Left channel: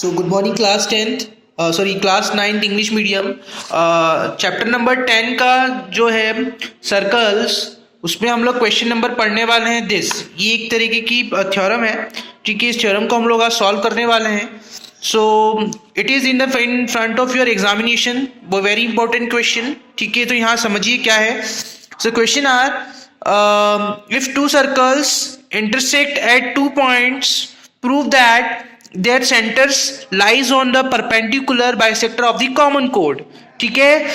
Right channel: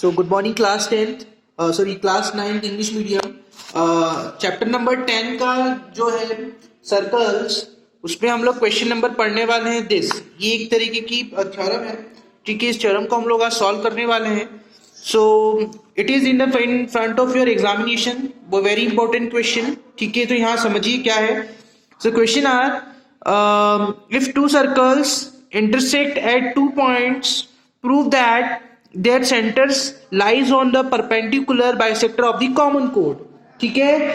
So good morning class 10th class 9th English medium chapter number 10 का जो है circles, उसमें हम लोग क्वेश्चन नंबर पढ़ने वाले हैं दिस। ये एक तरीके की थ्योरम है, ठीक है। इस थ्योरम को हम लोग आज सॉल्व करने वाले हैं। So it is in front of your examination, वो वेरी इंपॉर्टेंट क्वेश्चन, ठीक है। तो यहाँ समझिए क्या है। So question are if two circles intersect at 2 points, prove that their centers lies on the perpendicular bisector of the common chord। ठीक है,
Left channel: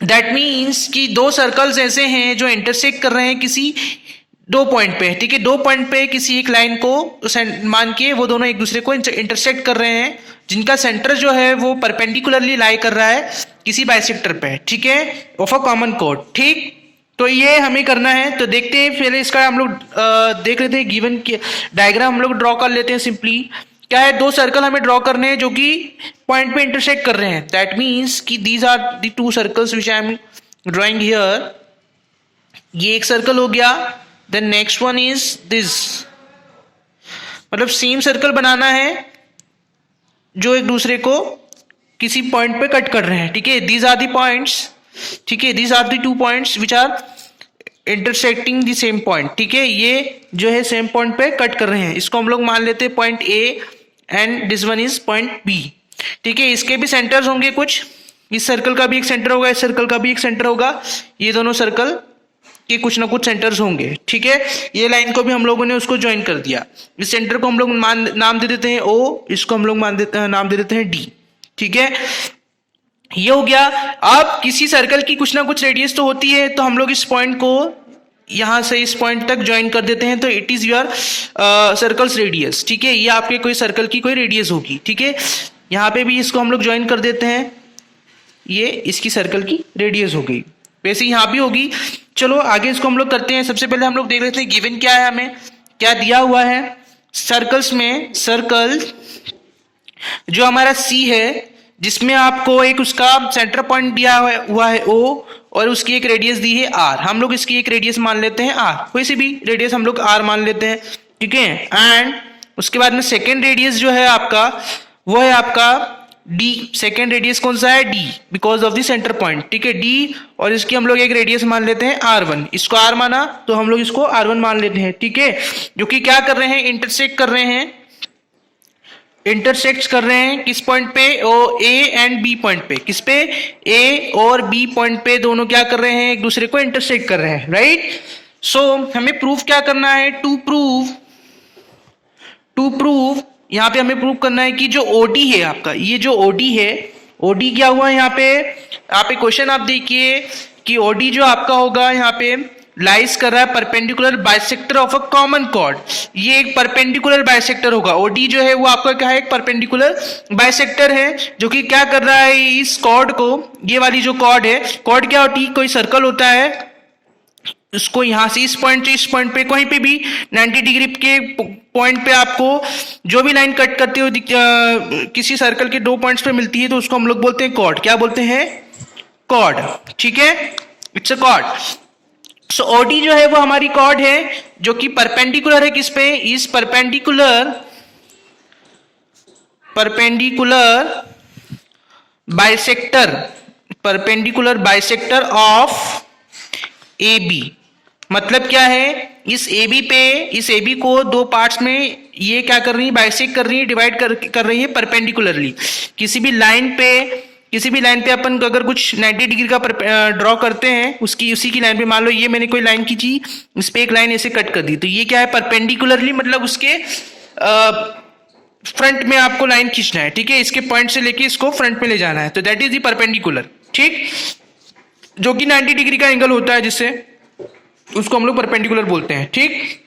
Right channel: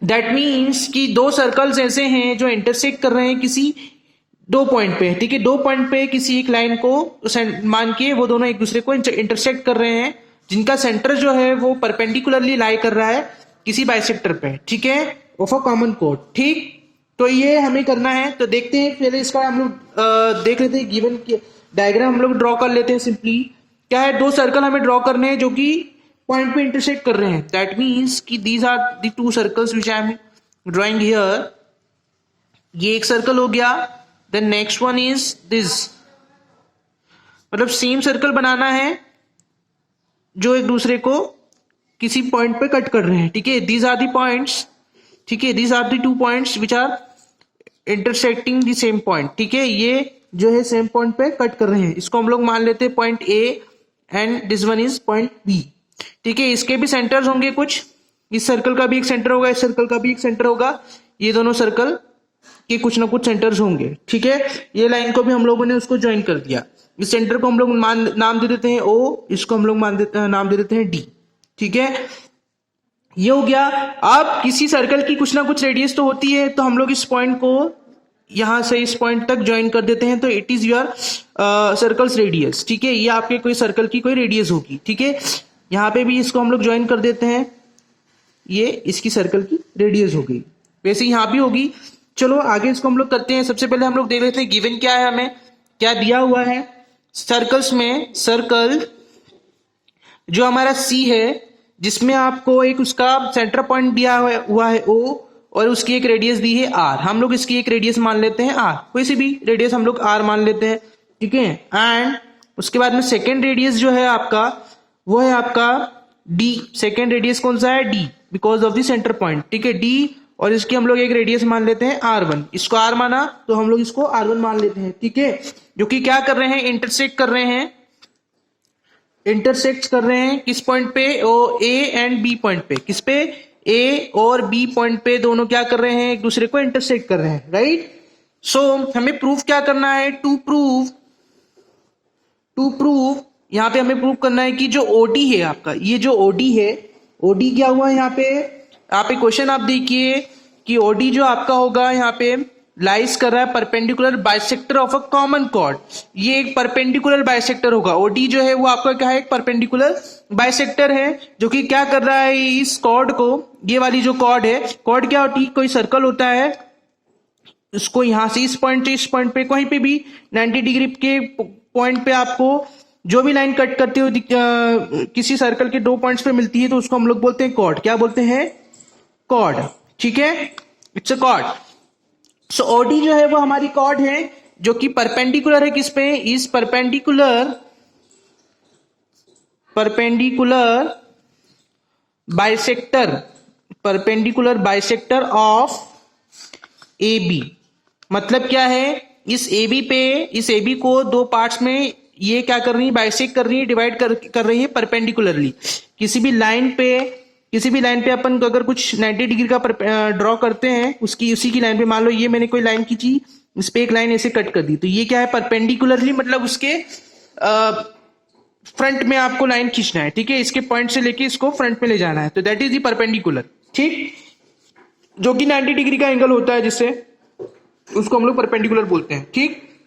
दैट मीन्स कि दो सर्कल्स ऐसे हैं जो इंटरसेक्ट कर रहे हैं किसी 2 पॉइंट पे, ठीक है। 2 पॉइंट पे किसी एक लाइन को मान के वो दोनों एक दूसरे को इंटरसेक्ट कर रहे हैं, जिनका सेंटर जो है वो परपेंडिकुलरली लाई कर रहा है किसी बाइसेक्टर पे, ठीक है, ऑफ अ कॉमन कोड। ठीक, तो ये हमें करना है। तो देखते हैं, फिर इसका हम लोग देख लेते हैं। गिवन डायग्राम हम लोग ड्रॉ कर लेते हैं। सिंपली क्या है, 2 सर्कल हमें ड्रॉ करने हैं जो कि पॉइंट पे इंटरसेक्ट कर रहे हैं। दैट मीन्स कि these are the 2 circles which I am drawing here. ये एक सर्कल हो गया, then next one is this. मतलब सेम सर्कल बनाना है जो एक दूसरे को किसी पॉइंट पे कट कर रहे हैं, ठीक है। दीज आर द पॉइंट्स, ठीक है। These are the 2 points which are intersecting the same point, ठीक है। ये जो है सेम पॉइंट पे कट कर रहे हैं, इसको हम लोग मान लेते हैं point A and this one is point B, ठीक है। इसके भी सेंटर्स होंगे कुछ, इस सर्कल का भी एक सेंटर होगा, इस सर्कल का भी एक सेंटर होगा। ये दोनों सर्कल के कुछ ना कुछ सेंटर्स होंगे, ठीक है। ये लाइन को भी हम लोगों ने उसको ज्वाइन कर दिया। इस सेंटर को हम लोग नाम दे देते हैं ओ, इसको हम लोग नाम दे देते हैं डी, ठीक है। ये हो गया। अब किसी सर्कल की कुछ ना कुछ रेडियस तो होती है, तो हम लोग इस पॉइंट को यहां से इस पॉइंट तक ज्वाइन कर देते हैं, तो it is your circles radius, ठीक है। ये आपके कोई सर्कल की कोई रेडियस होगी, ठीक है। यहां पे भी इसको हम लोग ज्वाइन कर देते हैं, ये इसकी सर्कल की रेडियस हो गई, वैसे यहां भी होगी। चलो आगे इसको हम लोग करते हैं। सबसे पहले हम लोग देख लेते हैं गिवन क्या है, हमें क्या दिया हुआ है सर्कल्स में। सर्कल जो हमारा सी है, जिसमें आपको एक उसका सेंटर पॉइंट दिया हुआ है ओ, और उसकी एक रेडियस दी है आर। हम लोग इसकी एक रेडियस मान लेते हैं आर, कोई सी भी रेडियस हम लोग आर मान लेते हैं, ठीक है। एंड उसके बाद में सेकेंड रेडियस जो है आपका, वो है आपका डी। सेकेंड रेडियस कौन सा है, D, because of the centre point, ठीक है, डी। और इसकी हम लोग एक रेडियस मान लेते हैं R1। इसको आर माना तो हम लोग इसको R1 मान लेते हैं, ठीक है। जो कि क्या कर रहे हैं, इंटरसेक्ट कर रहे हैं, इंटरसेक्ट कर रहे हैं किस पॉइंट पे, ओ ए एंड बी पॉइंट पे। किस पे, ए और बी पॉइंट पे दोनों क्या कर रहे हैं, एक दूसरे को इंटरसेक्ट कर रहे हैं, राइट। सो हमें प्रूफ क्या करना है, टू प्रूव यहां पे हमें प्रूव करना है कि जो ओडी है आपका, ये जो ओडी है, ओडी क्या हुआ यहाँ पे, आप एक क्वेश्चन आप देखिए कि ओडी जो आपका होगा यहाँ पे लाइज कर रहा है perpendicular bisector of a common chord. ये एक परपेंडिकुलर बाइसेक्टर होगा। ओडी जो है वो आपका क्या है, एक परपेंडिकुलर बाइसेक्टर है, जो कि क्या कर रहा है, इस कॉर्ड को, ये वाली जो कॉर्ड है, कॉर्ड क्या होती है, कोई सर्कल होता है, उसको यहां से इस पॉइंट से इस पॉइंट पे कहीं पे भी 90 डिग्री के पॉइंट पे आपको जो भी लाइन कट करते हो किसी सर्कल के 2 पॉइंट्स पे मिलती है, तो उसको हम लोग बोलते हैं कॉर्ड। क्या बोलते हैं, कॉर्ड, ठीक है, it's a chord. So OD जो है वो हमारी कॉर्ड है, जो कि परपेंडिकुलर है किस पे, इस perpendicular bisector of A B. मतलब क्या है, इस ए बी को 2 पार्ट्स में ये क्या कर रही है, बाइसेक्ट कर रही है, डिवाइड कर रही है परपेंडिकुलरली। किसी भी लाइन पे अपन अगर कुछ 90 डिग्री का ड्रॉ करते हैं, उसी की लाइन पे, मान लो ये मैंने कोई लाइन खींची, इस पे एक लाइन ऐसे कट कर दी, तो ये क्या है, परपेंडिकुलरली, मतलब उसके फ्रंट में आपको लाइन खींचना है, ठीक है। इसके पॉइंट से लेके इसको फ्रंट में ले जाना है, तो दैट इज द परपेंडिकुलर, ठीक, जो कि 90 डिग्री का एंगल होता है, जिससे उसको हम लोग परपेंडिकुलर बोलते हैं, ठीक।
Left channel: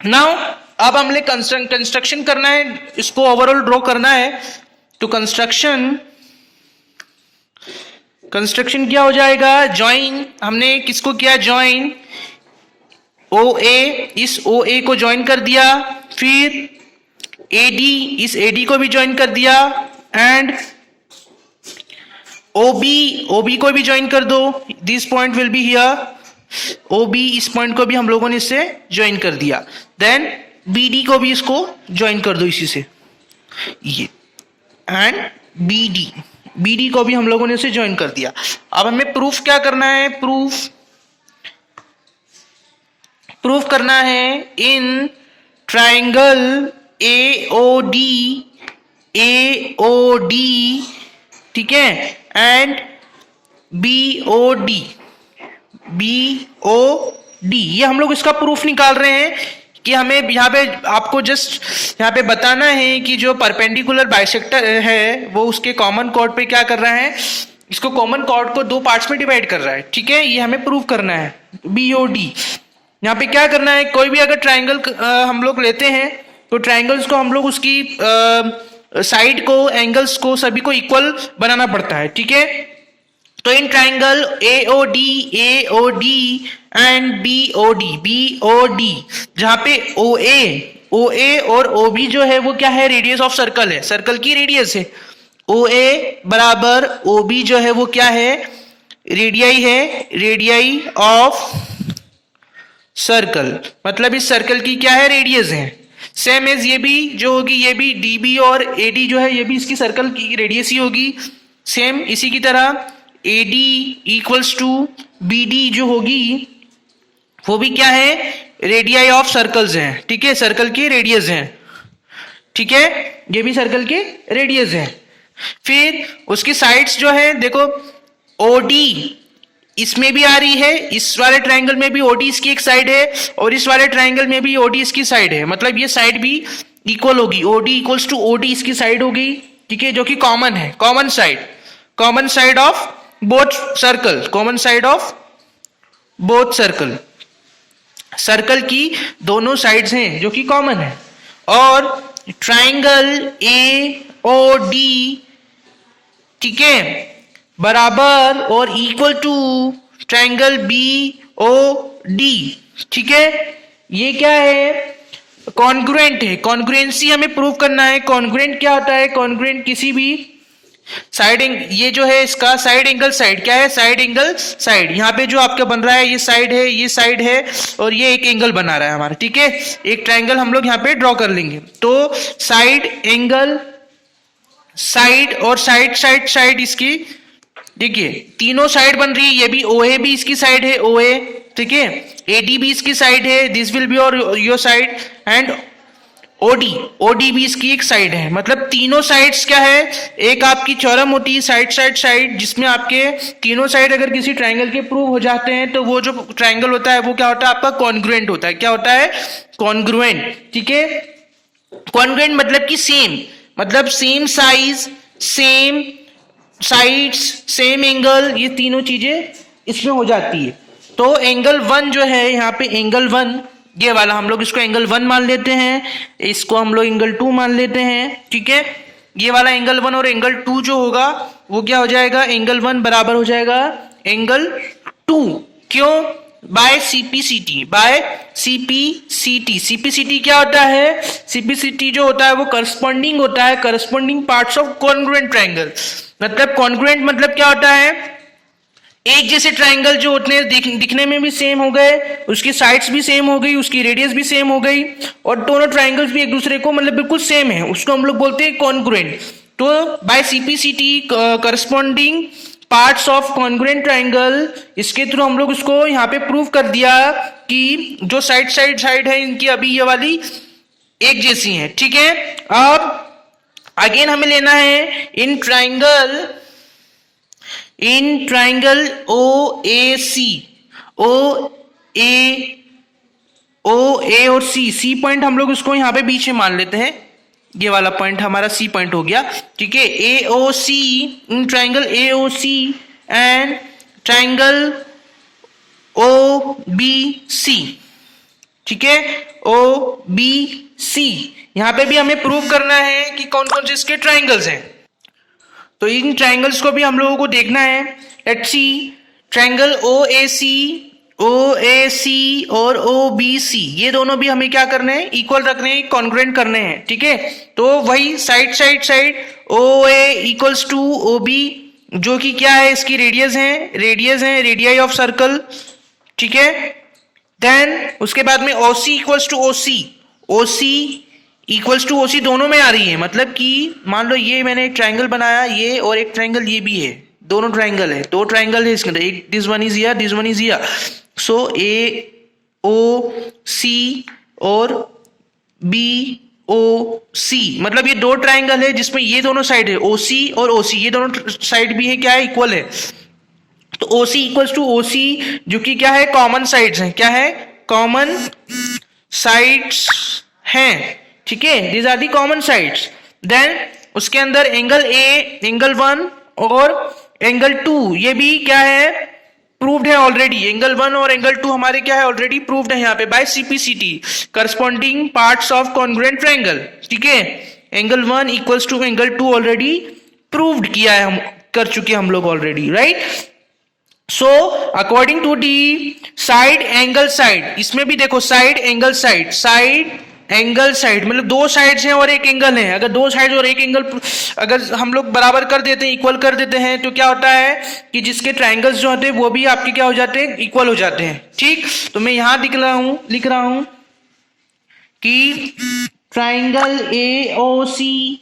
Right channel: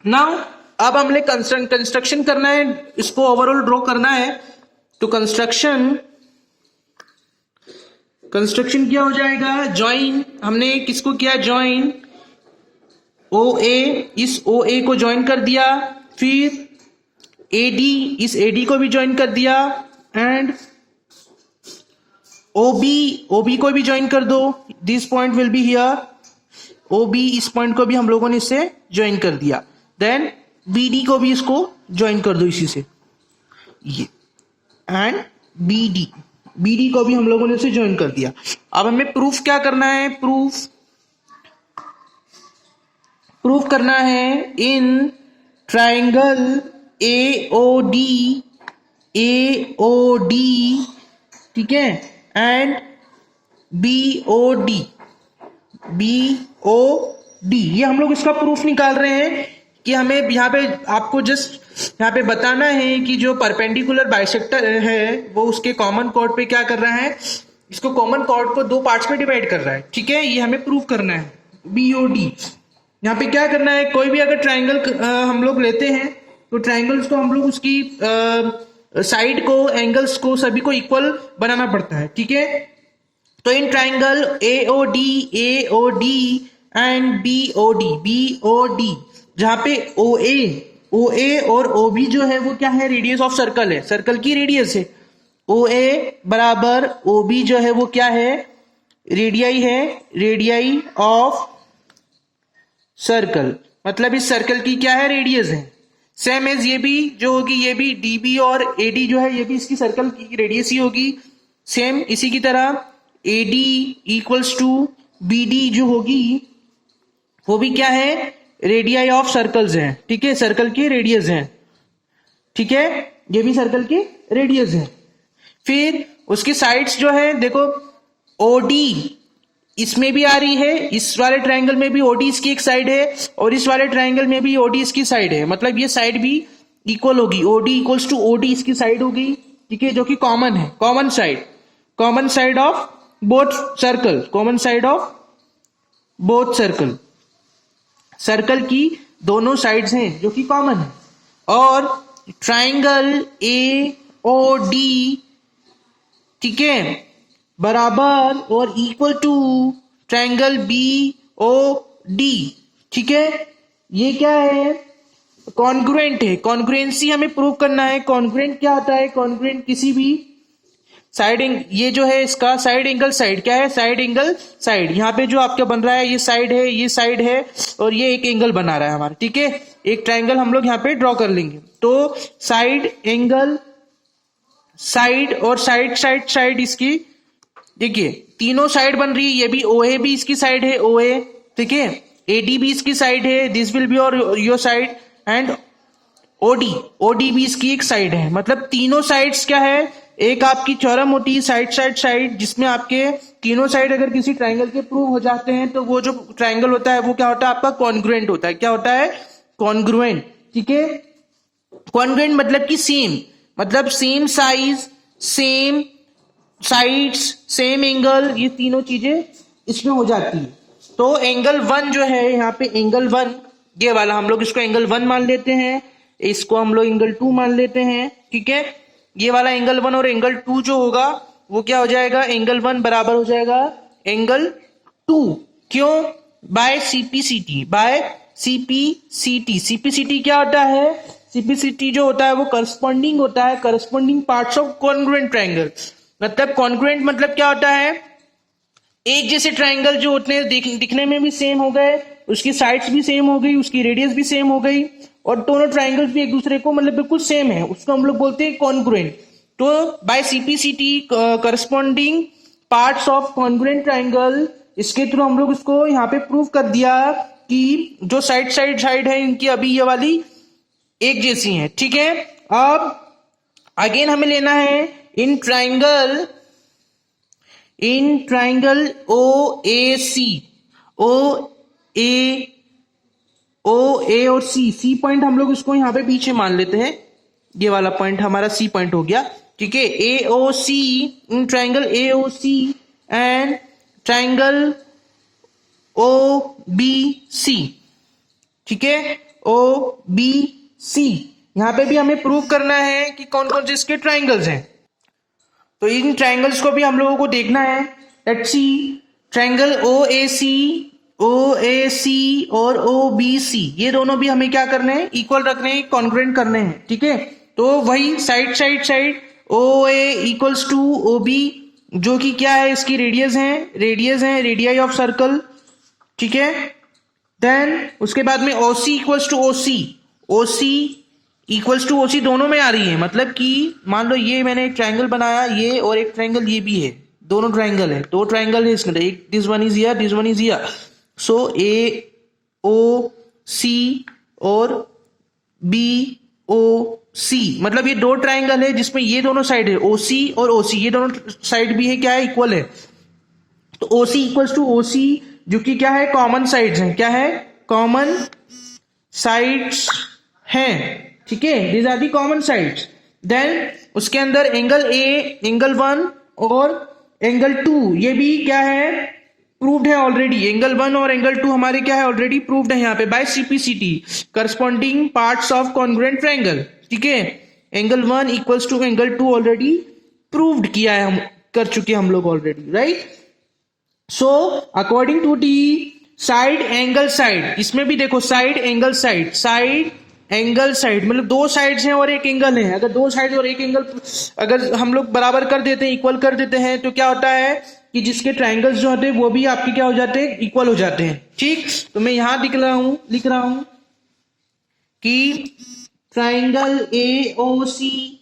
नाउ अब हमने कंस्ट्रक्शन करना है, इसको ओवरऑल ड्रॉ करना है। तो कंस्ट्रक्शन क्या हो जाएगा, ज्वाइन, हमने किसको किया, ज्वाइन ओ ए, इस ओ ए को ज्वाइन कर दिया, फिर एडी, इस एडी को भी ज्वाइन कर दिया, एंड ओबी को भी ज्वाइन कर दो, this point will be here, ओबी, इस पॉइंट को भी हम लोगों ने इससे ज्वाइन कर दिया। देन बीडी को भी इसको ज्वाइन कर दो इसी से, ये एंड BD, BD को भी हम लोगों ने उसे ज्वाइन कर दिया। अब हमें प्रूफ क्या करना है, प्रूफ करना है इन ट्राइंगल AOD, ठीक है, एंड BOD, ये हम लोग इसका प्रूफ निकाल रहे हैं कि हमें यहाँ पे आपको जस्ट यहाँ पे बताना है कि जो परपेंडिकुलर बाइसेक्टर है वो उसके कॉमन कॉर्ड पे क्या कर रहा है, इसको कॉमन कॉर्ड को दो पार्ट्स में डिवाइड कर रहा है, ठीक है, ये हमें प्रूफ करना है। BOD यहाँ पे क्या करना है, कोई भी अगर ट्राइंगल हम लोग लेते हैं तो ट्राइंगल्स को हम लोग उसकी साइड को, एंगल्स को, सभी को इक्वल बनाना पड़ता है, ठीक है। तो in triangle AOD and BOD, जहां पे OA और OB जो है वो क्या है, रेडियस ऑफ सर्कल है, सर्कल की रेडियस है। OA बराबर OB जो है वो क्या है, रेडियाई है, रेडियाई ऑफ सर्कल, मतलब इस सर्कल की क्या है, रेडियस है। सेम एज ये भी जो होगी, ये भी DB और AD जो है ये भी इसकी सर्कल की रेडियस ही होगी। सेम इसी की तरह AD इक्वल्स टू BD जो होगी वो भी क्या है, रेडियाई ऑफ सर्कल्स हैं, ठीक है, सर्कल की रेडियस है, ठीक है, ये भी सर्कल के रेडियस है। फिर उसकी साइड्स जो है देखो, OD इसमें भी आ रही है, इस वाले ट्राइंगल में भी OD इसकी एक साइड है और इस वाले ट्राइंगल में भी OD इसकी साइड है, मतलब ये साइड भी इक्वल होगी, OD इक्वल्स टू OD इसकी साइड होगी, ठीक है, जो कि कॉमन है, common side of both circle, common side of both circle की दोनों साइड्स हैं जो कि कॉमन है। और ट्राइंगल AOD, ठीक है, बराबर और इक्वल टू ट्राइंगल BOD, ठीक है, ये क्या है, कॉन्ग्रुएंट है। कॉन्ग्रुएंसी हमें प्रूव करना है। कॉन्ग्रुएंट क्या होता है, कॉन्ग्रुएंट किसी भी साइड, ये जो है इसका साइड एंगल साइड क्या है, साइड एंगल साइड, यहाँ पे जो आपका बन रहा है ये साइड है, ये साइड है और ये एक एंगल बना रहा है हमारा, ठीक है, एक ट्राइंगल हम लोग यहाँ पे ड्रॉ कर लेंगे। तो साइड एंगल साइड और साइड इसकी, देखिए तीनों साइड बन रही है, ये भी OA भी इसकी साइड है, OA, ठीक है, AD भी इसकी साइड है, this will be your side, and OD भी इसकी एक साइड है, मतलब तीनों साइड्स क्या है, एक आपकी थ्योरम होती है साइड, जिसमें आपके तीनों साइड अगर किसी ट्राइंगल के प्रूव हो जाते हैं तो वो जो ट्राइंगल होता है वो क्या होता है, आपका कॉन्ग्रुएंट होता है। क्या होता है, कॉन्ग्रुएंट, ठीक है। कॉन्ग्रुएंट मतलब कि सेम, मतलब same size, same sides, same angle, ये तीनों चीजें इसमें हो जाती है। तो एंगल 1 जो है यहाँ पे, एंगल 1 ये वाला हम लोग इसको एंगल 1 मान लेते हैं, इसको हम लोग एंगल 2 मान लेते हैं, ठीक है। ये वाला एंगल 1 और एंगल 2 जो होगा वो क्या हो जाएगा, एंगल 1 बराबर हो जाएगा एंगल 2, क्यों, बाय CPCT क्या होता है, CPCT जो होता है वो करस्पॉन्डिंग होता है, corresponding parts of congruent triangle. मतलब कॉन्ग्रुएंट मतलब क्या होता है, एक जैसे ट्राइंगल जो होते हैं दिखने में भी सेम हो गए, उसकी साइड्स भी सेम हो गई, उसकी रेडियस भी सेम हो गई और दोनों ट्राइंगल्स भी एक दूसरे को मतलब बिल्कुल सेम है, उसको हम लोग बोलते हैं कॉन्ग्रुएंट। तो by CPCT corresponding parts of congruent triangle, इसके थ्रू हम लोग उसको यहाँ पे प्रूव कर दिया कि जो साइड है इनकी अभी ये वाली एक जैसी है, ठीक है। अब अगेन हमें लेना है इन ट्राइंगल OAC, OA और C पॉइंट हम लोग उसको यहाँ पे बीच में मान लेते हैं, ये वाला पॉइंट हमारा C पॉइंट हो गया, ठीक है। AOC, in triangle AOC and triangle OBC, ठीक है, OBC, यहाँ पे भी हमें प्रूव करना है कि कौन कौन से इसके ट्राइंगल्स हैं। तो इन ट्राइंगल्स को भी हम लोगों को देखना है। लेट्स सी, ट्राइंगल OAC और OBC, ये दोनों भी हमें क्या करने हैं, इक्वल रखने हैं, कॉन्ग्रुएंट करने हैं, ठीक है। तो वही side OA equals to OB, जो कि क्या है, इसकी रेडियस है, रेडियाई ऑफ सर्कल, ठीक है। देन उसके बाद में OC equals to OC equals to OC दोनों में आ रही है, मतलब कि मान लो ये मैंने एक ट्राइंगल बनाया, ये और एक ट्राइंगल ये भी है, दोनों ट्राइंगल है, दो ट्राइंगल है इसके अंदर, एक this one is here, this one is here, so A O C और बी ओ सी, मतलब ये दो ट्राइंगल है जिसमें ये दोनों साइड है, ओ सी और ओ सी, ये दोनों साइड भी है क्या है, इक्वल है। तो ओ सी इक्वल्स टू ओ सी, जो कि क्या है, कॉमन साइड्स हैं, क्या है, कॉमन साइड्स हैं, ठीक है, these are the common sides. Then उसके अंदर एंगल ए, एंगल 1 और एंगल 2 ये भी क्या है, प्रूव्ड है ऑलरेडी, एंगल 1 और एंगल 2 हमारे क्या है, ऑलरेडी प्रूव्ड है यहाँ पे by CPCT, corresponding parts of congruent triangle, ठीक है, angle 1 equals to angle 2 already proved किया है, हम कर चुके हम लोग already, right. So according to the side angle side, इसमें भी देखो side angle side, side angle side मतलब दो साइड्स हैं और एक एंगल है, अगर दो साइड्स और एक एंगल अगर हम लोग बराबर कर देते हैं, इक्वल कर देते हैं, तो क्या होता है कि जिसके ट्राइंगल्स जो होते हैं वो भी आपके क्या हो जाते हैं, इक्वल हो जाते हैं, ठीक। तो मैं यहां लिख रहा हूं कि triangle A O C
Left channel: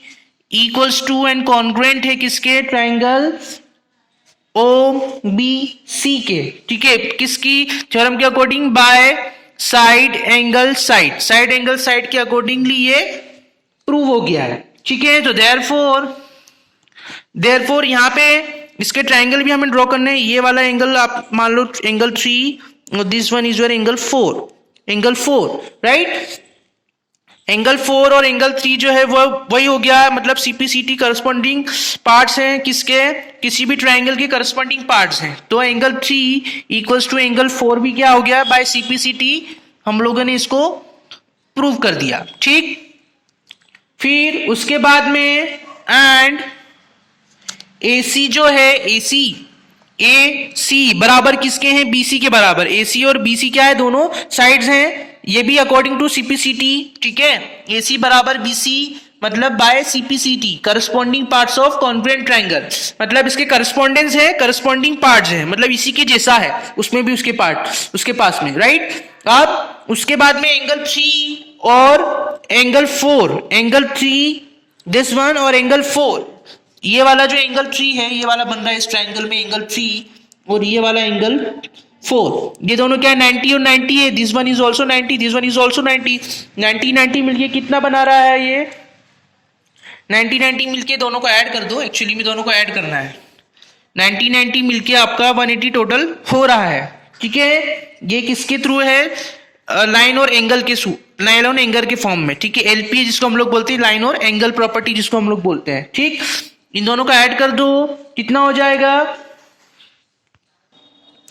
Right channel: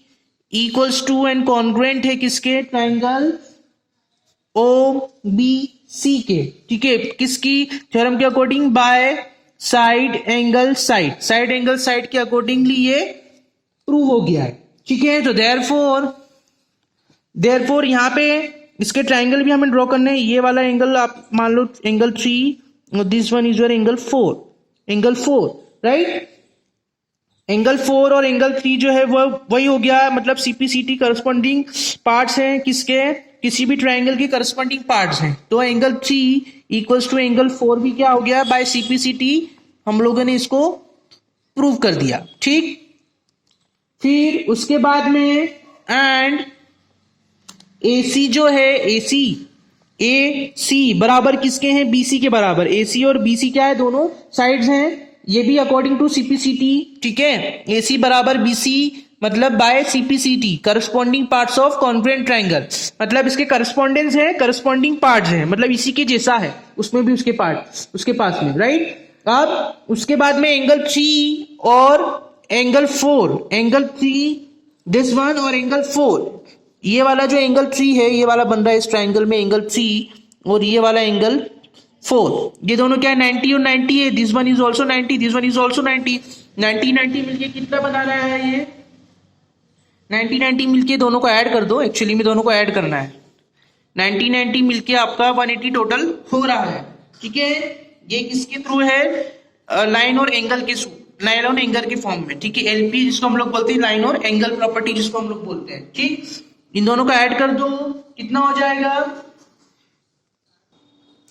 equals to and congruent है किसके, ट्राइंगल ओ बी सी के, ठीक है, किसकी थ्योरम के according, by side angle side, side angle side के अकॉर्डिंगली ये प्रूव हो गया है, ठीक है। तो देयरफॉर यहां पे इसके ट्राइंगल भी हमें ड्रॉ करने हैं, ये वाला एंगल आप मान लो एंगल 3 और this one is your angle 4, right. Angle 4 और एंगल 3 जो है वो वही हो गया, मतलब सीपीसीटी करस्पॉन्डिंग पार्ट्स हैं किसके, किसी भी ट्राइंगल के करस्पॉन्डिंग पार्ट्स हैं। तो एंगल 3 इक्वल्स टू एंगल 4 भी क्या हो गया, बाय सीपीसीटी हम लोगों ने इसको प्रूव कर दिया, ठीक। फिर उसके बाद में एंड AC जो है, AC बराबर किसके हैं, BC के बराबर, AC और BC क्या है, दोनों साइड्स हैं, ये भी अकॉर्डिंग टू सीपीसीटी, ठीक है। AC बराबर BC मतलब by CPCT corresponding parts of congruent triangle, मतलब इसके करस्पॉन्डेंस है, करस्पॉन्डिंग पार्ट्स हैं, मतलब इसी के जैसा है, उसमें भी उसके पार्ट उसके पास में, राइट। अब उसके बाद में एंगल 3 और एंगल 4, एंगल 3 दिस वन और एंगल 4, ये वाला जो एंगल 3 है, ये वाला बन रहा है इस ट्राइंगल में एंगल 3 और ये वाला एंगल 4, ये दोनों क्या है, 90 और 90 है, this one is also 90, this one is also 90, 90 मिलके कितना बना रहा है, ये 90 मिलके दोनों को ऐड कर दो, एक्चुअली में दोनों को ऐड करना है, 90 मिलके आपका 180 टोटल हो रहा है, ठीक है। ये किसके थ्रू है, लाइन और एंगल के थ्रू, लाइन और एंगल के फॉर्म में, ठीक है, LP जिसको हम लोग बोलते हैं, लाइन और एंगल प्रॉपर्टी जिसको हम लोग बोलते हैं, ठीक। इन दोनों का ऐड कर दो, कितना हो जाएगा,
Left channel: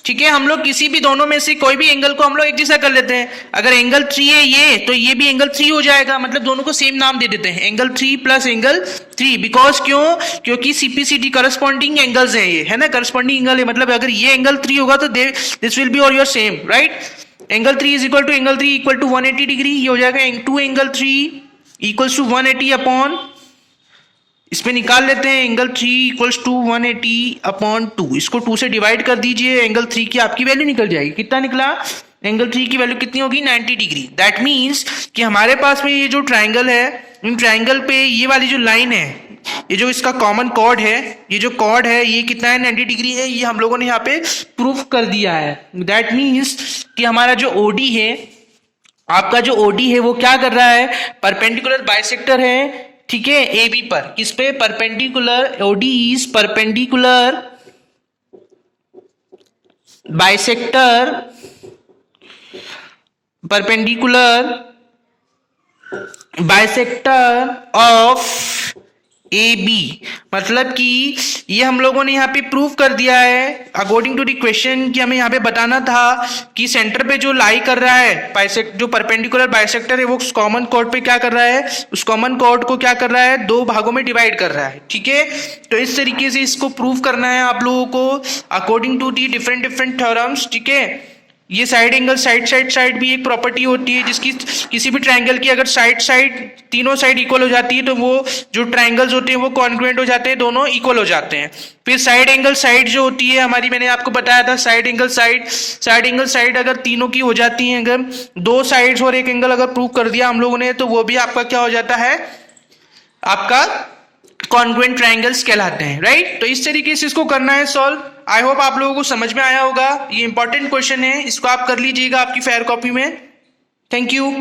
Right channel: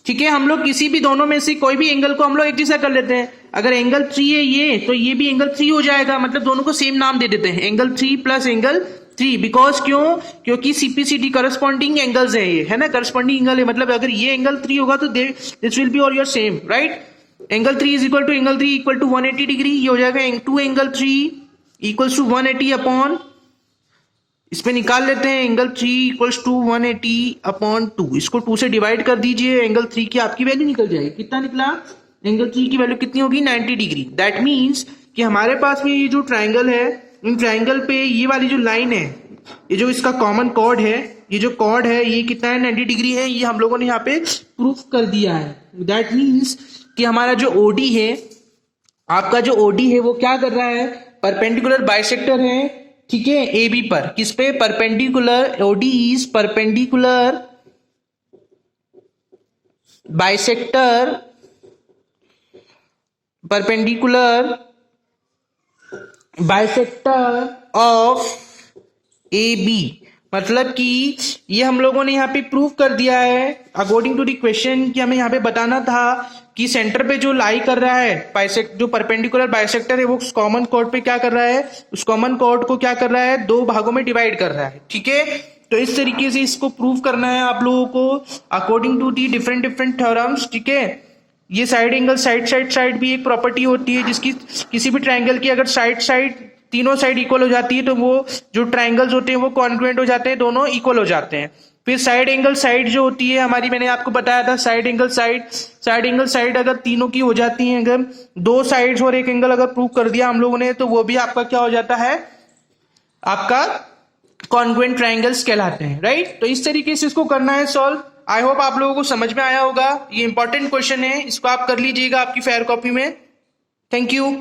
ठीक है। हम लोग किसी भी दोनों में से कोई भी एंगल को हम लोग एक जैसा कर लेते हैं, अगर एंगल 3 है ये, तो ये भी एंगल 3 हो जाएगा, मतलब दोनों को सेम नाम दे देते हैं, एंगल 3 प्लस एंगल 3, बिकॉज क्यों, क्योंकि सीपीसीटी करस्पॉन्डिंग एंगल्स है, ये है ना, करस्पॉन्डिंग एंगल है, मतलब अगर ये एंगल 3 होगा तो दिस विल बी और your same, right. Angle 3 is equal to angle 3 equal to 180 degree, ये हो जाएगा 2 एंगल 3 इक्वल्स टू 180 अपॉन, इसमें निकाल लेते हैं, एंगल 3 इक्वल्स टू 180 अपॉन 2, इसको 2 से डिवाइड कर दीजिए, एंगल 3 की आपकी वैल्यू निकल जाएगी, कितना निकला, एंगल 3 की वैल्यू कितनी होगी, 90 डिग्री। दैट मीन्स कि हमारे पास में ये जो ट्राइंगल है, इन ट्राइंगल पे ये वाली जो लाइन है, ये जो इसका कॉमन कॉर्ड है, ये जो कॉर्ड है ये कितना है, 90 डिग्री है, ये हम लोगों ने यहाँ पे प्रूफ कर दिया है। दैट मीन्स कि हमारा जो OD है, आपका जो OD है वो क्या कर रहा है, परपेंडिकुलर बाइसेक्टर है, ठीक है, AB पर, किस पे, perpendicular, OD is perpendicular bisector, perpendicular bisector of AB, मतलब कि ये हम लोगों ने यहाँ पे प्रूव कर दिया है अकॉर्डिंग टू द क्वेश्चन, कि हमें यहाँ पे बताना था कि सेंटर पे जो लाई कर रहा है जो परपेंडिकुलर बाइसेक्टर है, वो कॉमन कॉर्ड पे क्या कर रहा है, उस कॉमन कॉर्ड को क्या कर रहा है, दो भागों में डिवाइड कर रहा है, ठीक है। तो इस तरीके से इसको प्रूव करना है आप लोगों को according to the different theorems, ठीक है। ये साइड एंगल साइड भी एक प्रॉपर्टी होती है जिसकी किसी भी ट्रायंगल की अगर साइड तीनों साइड इक्वल हो जाती है तो वो जो ट्रायंगल्स होते हैं वो कॉन्ग्रुएंट हो जाते हैं, दोनों इक्वल हो जाते हैं। फिर साइड एंगल साइड जो होती है हमारी, मैंने आपको बताया था साइड एंगल साइड अगर तीनों की हो जाती हैं, अगर दो साइड्स और एक एंगल अगर प्रूव कर दिया हम लोगों ने तो वो भी आपका क्या हो जाता है, आपका कॉन्ग्रुएंट ट्रायंगल्स कहलाते हैं, राइट। तो इस तरीके से इसको करना है सॉल्व। आई होप आप लोगों को समझ में आया होगा। ये इंपॉर्टेंट क्वेश्चन है, इसको आप कर लीजिएगा आपकी फेयर कॉपी में। Thank you.